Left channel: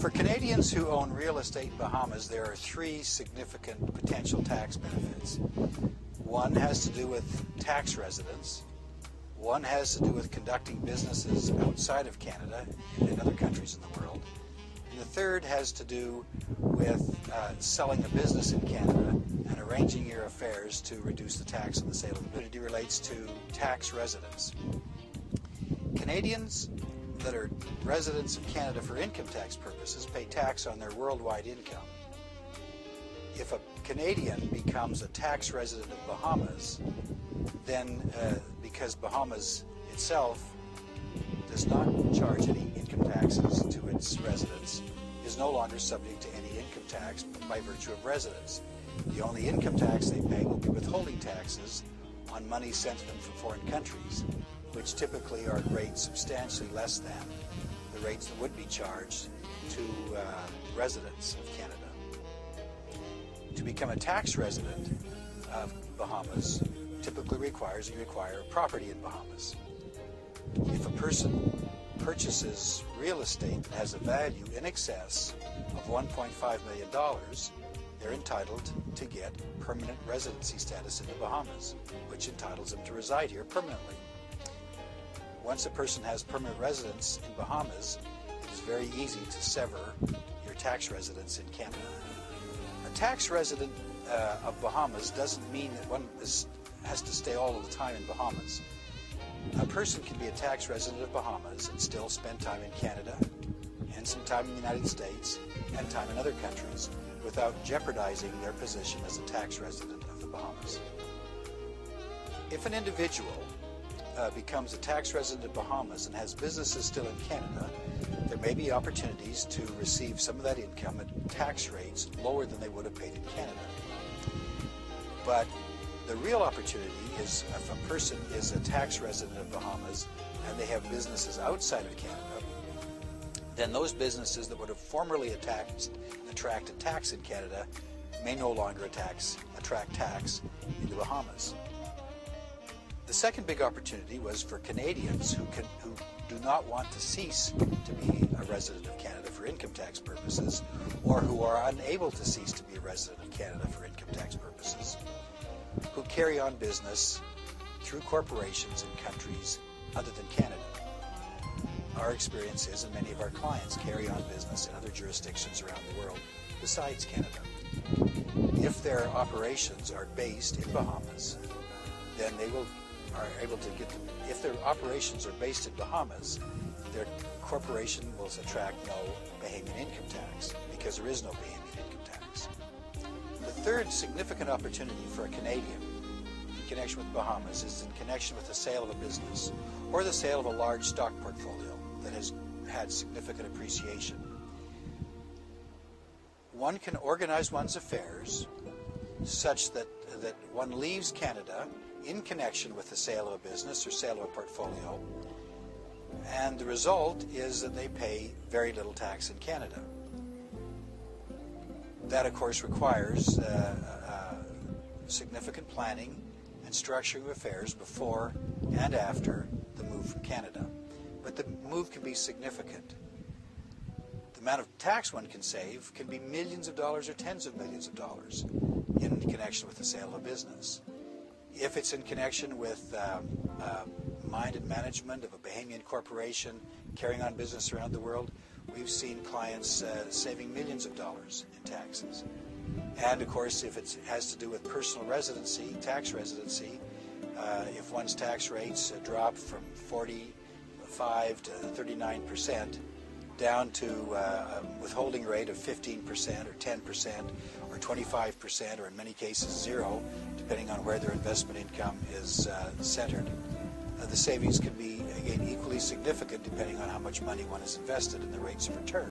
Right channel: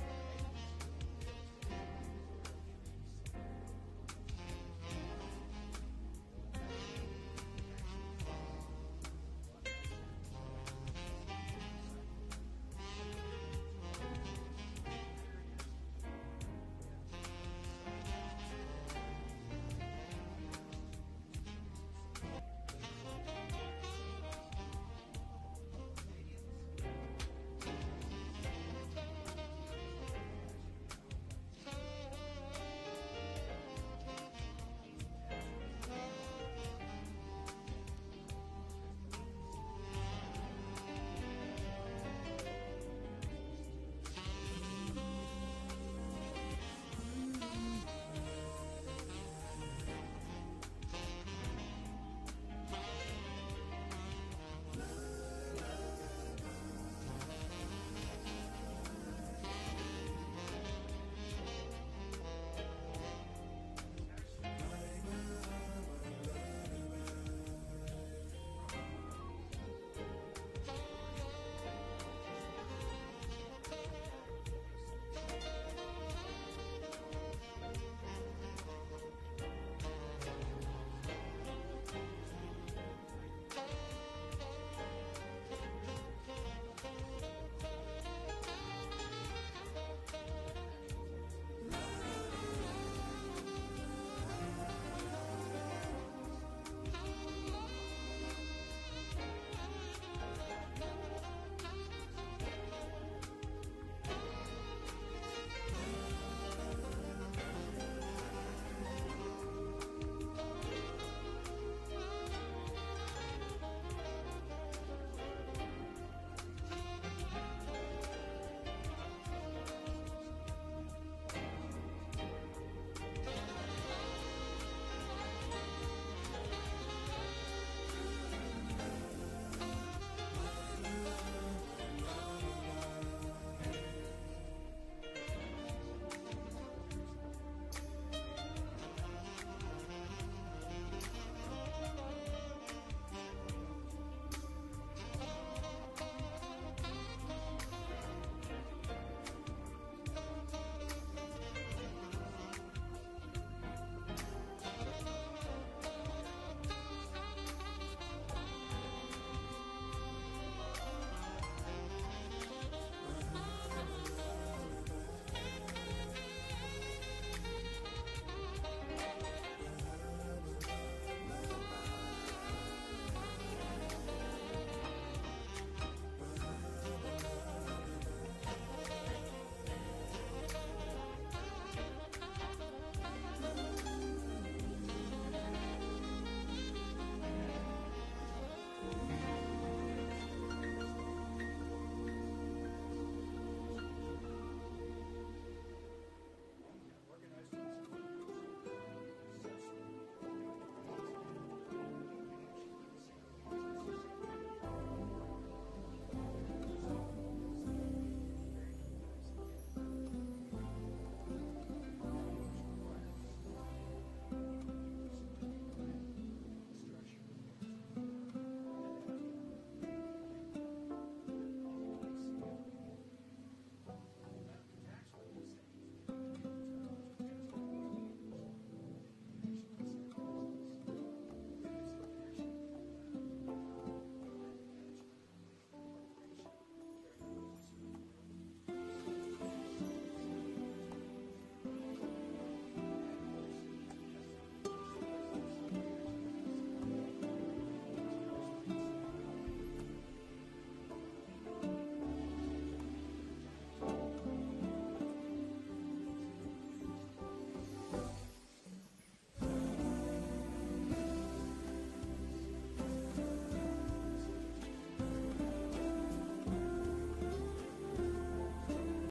For Canadians who own real estate in Bahamas, there are three significant potential tax benefits. One has to do with tax residence. One has to do with conducting businesses outside of Canada and in other countries in the world. And the third has to do with selling a business in Canada and arranging your affairs to reduce the tax on the sale of the business. It relates to tax residence. Canadians that are residents of Canada for income tax purposes pay tax on their worldwide income. If a Canadian becomes a tax resident of Bahamas, then because Bahamas itself does not charge any income taxes to its residents, is no longer subject to any income tax by virtue of residence. The only income tax they pay will be withholding taxes on money sent to them from foreign countries, which typically are at rates substantially less than the rates that would be charged to residents of Canada. To become a tax resident of Bahamas typically requires you acquire property in Bahamas. If a person purchases real estate that has a value in excess of $1.5 million, they're entitled to get permanent residency status in the Bahamas, which entitles them to reside here permanently. Once a person has permanent residence in Bahamas, it's very easy to sever your tax residence in Canada. A tax resident of Bahamas doesn't mean that one has to stay all of the time in Bahamas. A person can be a tax resident of Bahamas and still spend time in Canada, and some time in the United States, and time in other countries, without jeopardizing their position as a tax resident of the Bahamas. If an individual becomes a tax resident of Bahamas and has businesses still in Canada, there may be opportunities to receive some of that income at tax rates lower than they would have paid in Canada. But the real opportunity is if a person is a tax resident of Bahamas and they have businesses outside of Canada, then those businesses that would have formerly attracted tax in Canada may no longer attract tax in the Bahamas. The second big opportunity was for Canadians who do not want to cease to be a resident of Canada for income tax purposes, or who are unable to cease to be a resident of Canada for income tax purposes, who carry on business through corporations in countries other than Canada. Our experience is that many of our clients carry on business in other jurisdictions around the world besides Canada. If their operations are based in Bahamas, then if their operations are based in Bahamas, their corporation will attract no Bahamian income tax because there is no Bahamian income tax. The third significant opportunity for a Canadian in connection with Bahamas is in connection with the sale of a business or the sale of a large stock portfolio that has had significant appreciation. One can organize one's affairs such that one leaves Canada in connection with the sale of a business or sale of a portfolio, and the result is that they pay very little tax in Canada. That, of course, requires significant planning and structuring of affairs before and after the move from Canada. But the move can be significant. The amount of tax one can save can be millions of dollars or tens of millions of dollars in connection with the sale of a business. If it's in connection with mind and management of a Bahamian corporation carrying on business around the world, we've seen clients saving millions of dollars in taxes. And of course, if it has to do with personal residency, tax residency, if one's tax rates drop from 45 to 39% down to a withholding rate of 15% or 10% or 25%, or in many cases zero, depending on where their investment income is centered. The savings can be, again, equally significant depending on how much money one has invested and the rates of return.